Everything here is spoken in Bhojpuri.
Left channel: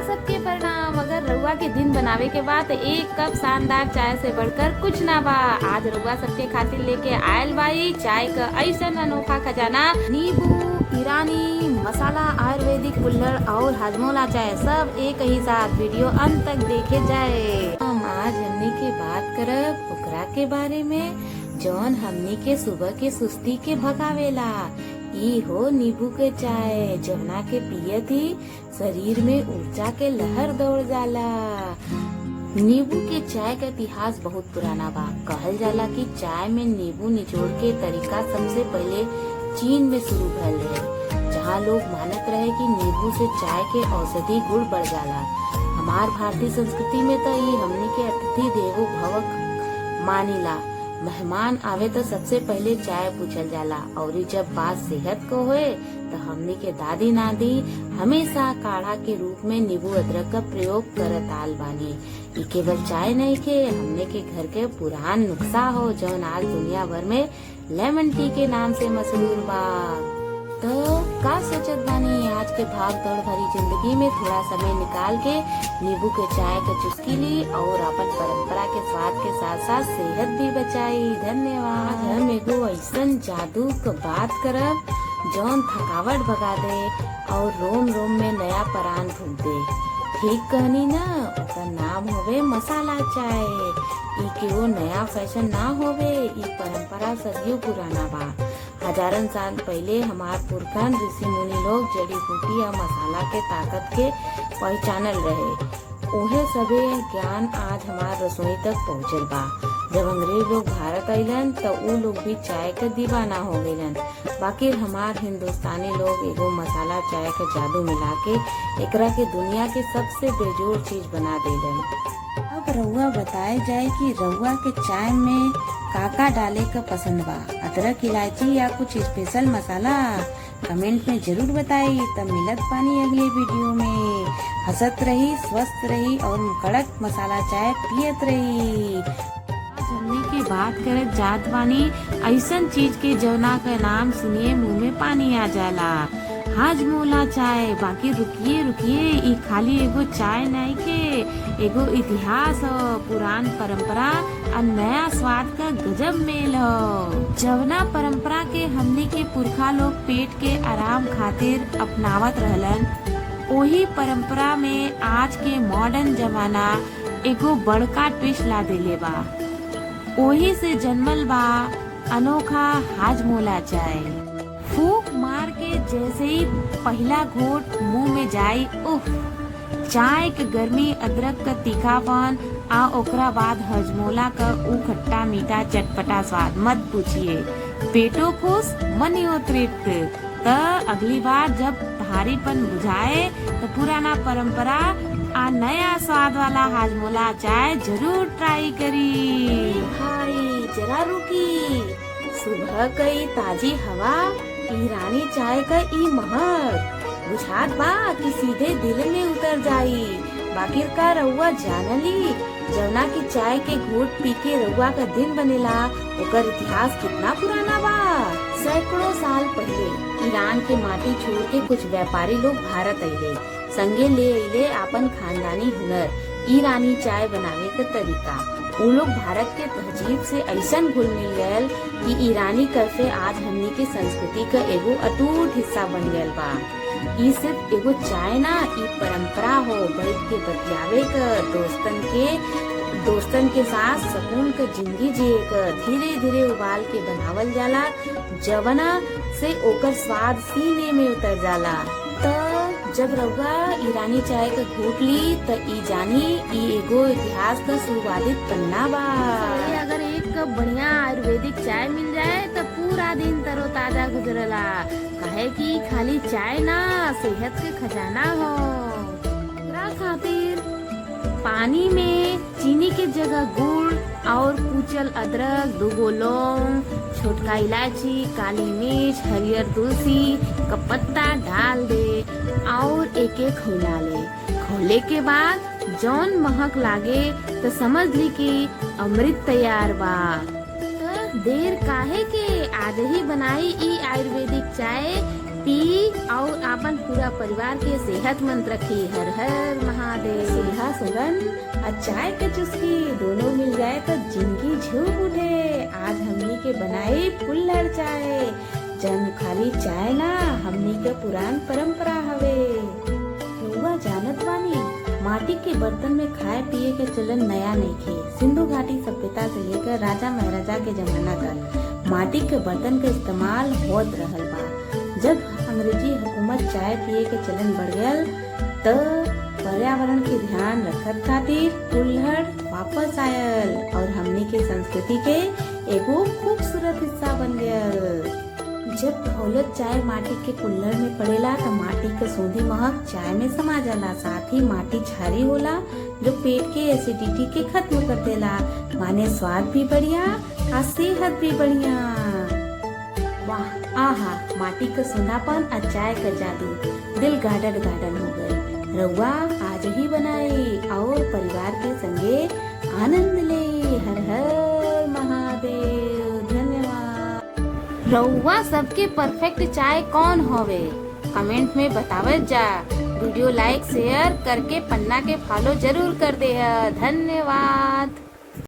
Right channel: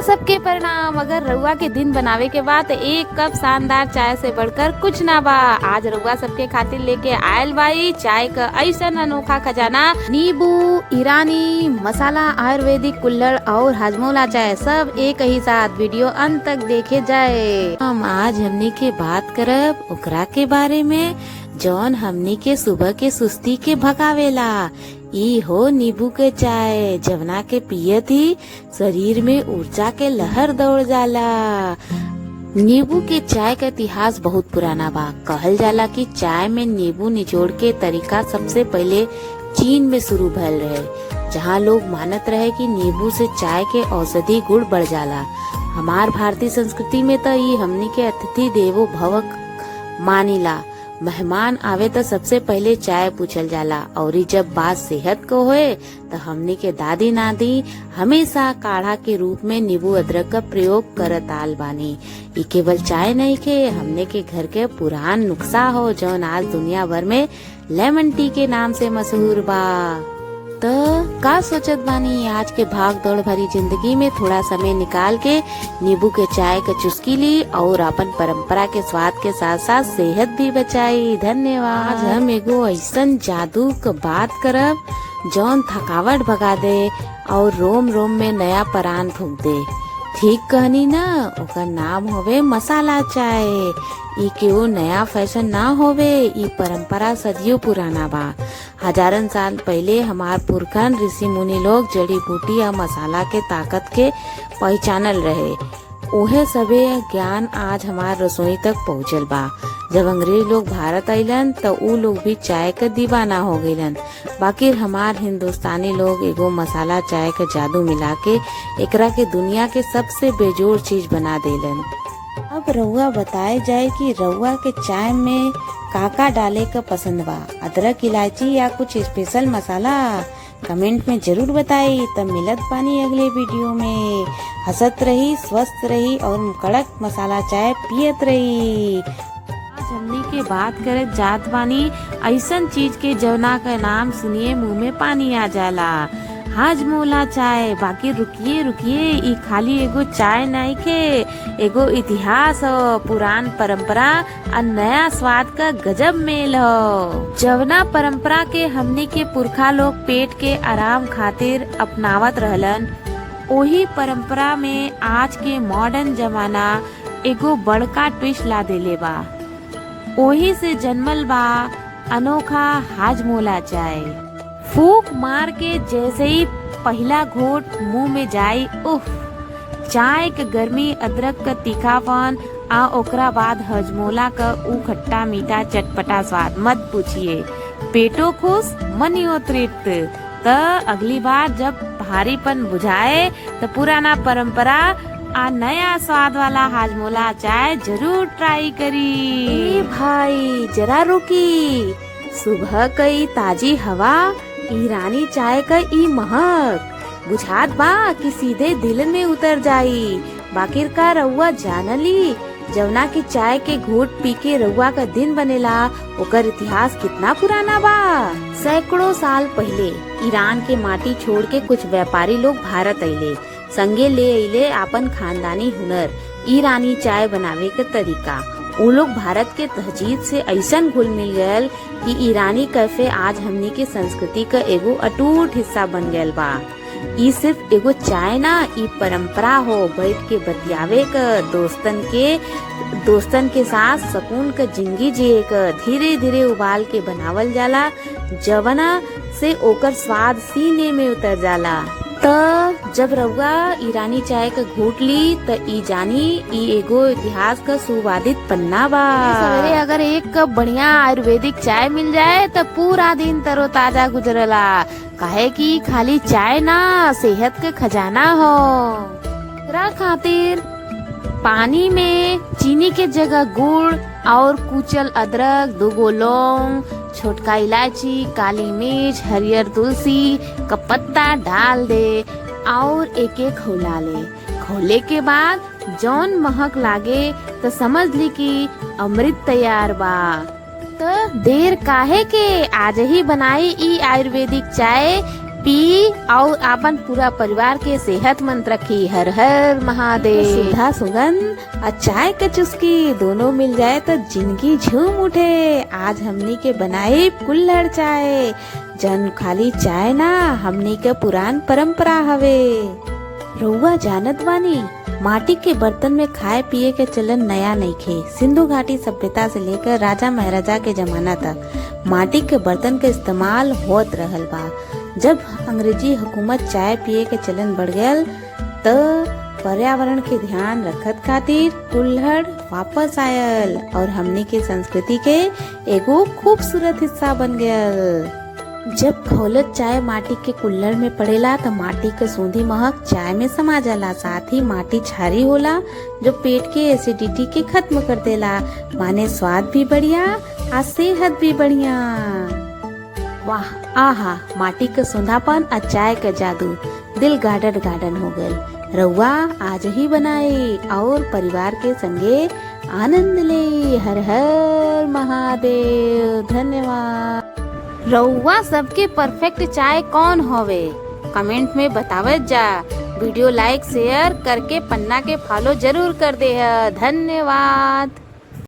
रउआ सबके परिणाम। अगर रउआ के दिन बनावे के बाद एक कप शानदार चाय से बढ़कर कुछ ना बा। आज रउआ सबके खातिर लेके आयल बाई चाय का ऐसा अनोखा खजाना। नींबू, ईरानी मसाला, आयुर्वेदिक कुल्हड़ और हाजमोला चाय सब एक ही साथ। वीडियो अंत तक देखे जाए। हम आज हमनी के बात करब ओकरा के बारे में जौन हमनी के सुबह के सुस्ती के भगावेला। ई हो नींबू के चाय जवना के पिए थी शरीर में ऊर्जा के लहर दौड़ जाला। नींबू के चाय का इतिहास बहुत पुराना बा। कहल जाला कि चाय में नींबू निचोड़ के तरीका सबसे पहले चीन में शुरू भयल रहे, जहाँ लोग मानत रहे कि नींबू से चाय के औषधि गुण बढ़ जाला। हमार भारतीय संस्कृति में तो ये हमनी के अतिथि देवो भवक मानिला। मेहमान आवे तो सबसे पहले चाय पूछल जाला और जब बात सेहत को होए तो हमने के दादी नादी हमेशा काढ़ा के रूप में नींबू अदरक का प्रयोग करत आल बानी। ये केवल चाय नहीं के हमने के घर के पुरान नुस्खा हो जौन आज दुनिया भर में लेमन टी के नाम से मशहूर बा। तो का सोचत बानी आज के भाग दौड़ भरी जिंदगी में थोड़ा समय निकाल के नींबू के चाय का चुस्की ली और अपन परंपरा के स्वाद के साथ साथ सेहत भी बचाई। धन्यवाद। हम एगो ऐसन जादू का बात करब जौन थकावट भगा दे और रोम रोम में नया प्राण फूंक दे। ठीक कहनी ना? ओकर नाम होवे मसाला चाय। ई केवो नया फैशन ना होवे, ई परंपरा सदियों पुराना बा। हजारन साल पहले हमार पुरखन ऋषि मुनि लोग जड़ी बूटी या मसाला के ताकत के पहचानल रहे। ओहे सबे ज्ञान आज हमार रसोई तक पहुँचल बा। जब अंग्रेज लोग भारत आइलन तो उ लोग भी चाय का दीवाना हो गइलन। बाकी हमार हिंदुस्तानी लोग एगो मसाला चाय का जादू मिला के एकरा के दुनिया के सबसे बेजोड़ चीज बना देलन। अब रउआ बताए जाए कि रउआ के चाय में काका डाले का पसंद बा? अदरक, इलायची या कुछ स्पेशल मसाला? कमेंट में जरूर बताई। तब मिलत पानी अगले वीडियो में। हंसत रही, स्वस्थ रही और कड़क मसाला चाय पियत रही। हमने के बात करे जात बानी ऐसन चीज के जवना का नाम सुनिए मुंह में पानी आ जाला। हाजमोला चाय। बाकी रुकिए रुकिए, ई खाली एगो चाय नहीं के, एगो इतिहास हो, पुरान परंपरा और नया स्वाद का गजब मेल हो। जवना परंपरा के हमने के पुरखा लोग पेट के आराम खातिर अपनावत रहलन, वही परंपरा में आज के मॉडर्न जमाना एगो बड़का ट्विस्ट ला देले बा। वही से जन्मल बा अनोखा हाजमोला चाय। फूक मार के जैसे ही पहला घोट मुंह में जाई, उफ, चाय के गर्मी, अदरक का तीखापन आ ओकरा बाद हाजमोला का ऊ खट्टा मीठा चटपटा स्वाद मत पूछिए। पेटो खुश, मनियो तृप्त। तो अगली बार जब भारीपन बुझाए तो पुराना परंपरा आ नया स्वाद वाला हाजमोला चाय जरूर ट्राई करी। भाई जरा रुकी, सुबह कई ताजी हवा, ईरानी चाय का ई महक बुझात बा कि सीधे दिल में उतर जाई। बाकिर का रउआ जानली जवना की चाय के घूट पी के रउआ का दिन बनेला, ओकर इतिहास कितना पुराना बा। सैकड़ों साल पहले ईरान के माटी छोड़ के कुछ व्यापारी लोग भारत अइले। संगे ले अइले अपन खानदानी हुनर, ईरानी चाय बनावे के तरीका। वो लोग भारत के तहजीब से ऐसन घुल मिल गयल कि ईरानी कैफे आज हमनी के संस्कृति का एगो अटूट हिस्सा बन गयल बा। ई सिर्फ एगो चाय ना, ई परंपरा हो बैठ के बतियावे का, दोस्तन के साथ सुकून का जिंदगी जिए का। धीरे धीरे उबाल के बनावल जाला, जवना से ओकर स्वाद सीने में उतर जाला। तो जब रउआ ईरानी चाय का घूट ली तो ई जानी ई एगो इतिहास का सुवादित पन्ना बा। सवेरे अगर एक कप बढ़िया आयुर्वेदिक चाय मिल जाए तो पूरा दिन तरोताजा गुजरला। काहे कि खाली चाय ना, सेहत के खजाना हो। एकरा खातिर पानी में चीनी के जगह गुड़ और कुचल अदरक, 2 लौंग, छोटका इलायची, काली मिर्च, हरियर तुलसी का पत्ता डाल दे और एक एक खौला ले। खौले के बाद जौन महक लागे तो समझ ली कि अमृत तैयार बा। तो देर काहे के, आज ही बनाई ई आयुर्वेदिक चाय पी और अपन पूरा परिवार के सेहतमंद रखी। हर हर महादेव। सुधा सुगंध और चाय का चुस्की दोनों मिल जाए तो जिंदगी झूम उठे। आज हमनी के बनाए कुल्हड़ चाय, जन खाली चाय ना हमनी के पुरान परंपरा हवे। रउआ जानत बानी माटी के बर्तन में खाए पिए के चलन नया नहीं खे। सिंधु घाटी सभ्यता से लेकर राजा महाराजा के जमाना तक माटी के बर्तन के इस्तेमाल होत रहल बा। जब अंग्रेजी हुकूमत चाय पिए के चलन बढ़ गयल तो पर्यावरण के ध्यान रखत खातिर कुल्हड़ वापस आयल और हमनी के संस्कृति के एगो खूबसूरत हिस्सा बन गयल। जब खौलत चाय माटी के कुल्हड़ में पड़ेला तो माटी के सूंधी महक चाय में समा जाला। साथ ही माटी क्षारी होला जो पेट के एसिडिटी के खत्म कर देला। माने स्वाद भी बढ़िया और सेहत भी बढ़िया। वाह आहा, माटी के सुंधापन और चाय का जादू, दिल गार्डन गार्डन हो गए। रउआ आज ही बनाई और परिवार के संगे आनंद ले। हर हर महादेव। धन्यवाद। रउआ सबके परफेक्ट चाय कौन होवे कमेंट में बतावत जा। वीडियो लाइक शेयर करके पन्ना के फॉलो जरूर कर दे। धन्यवाद।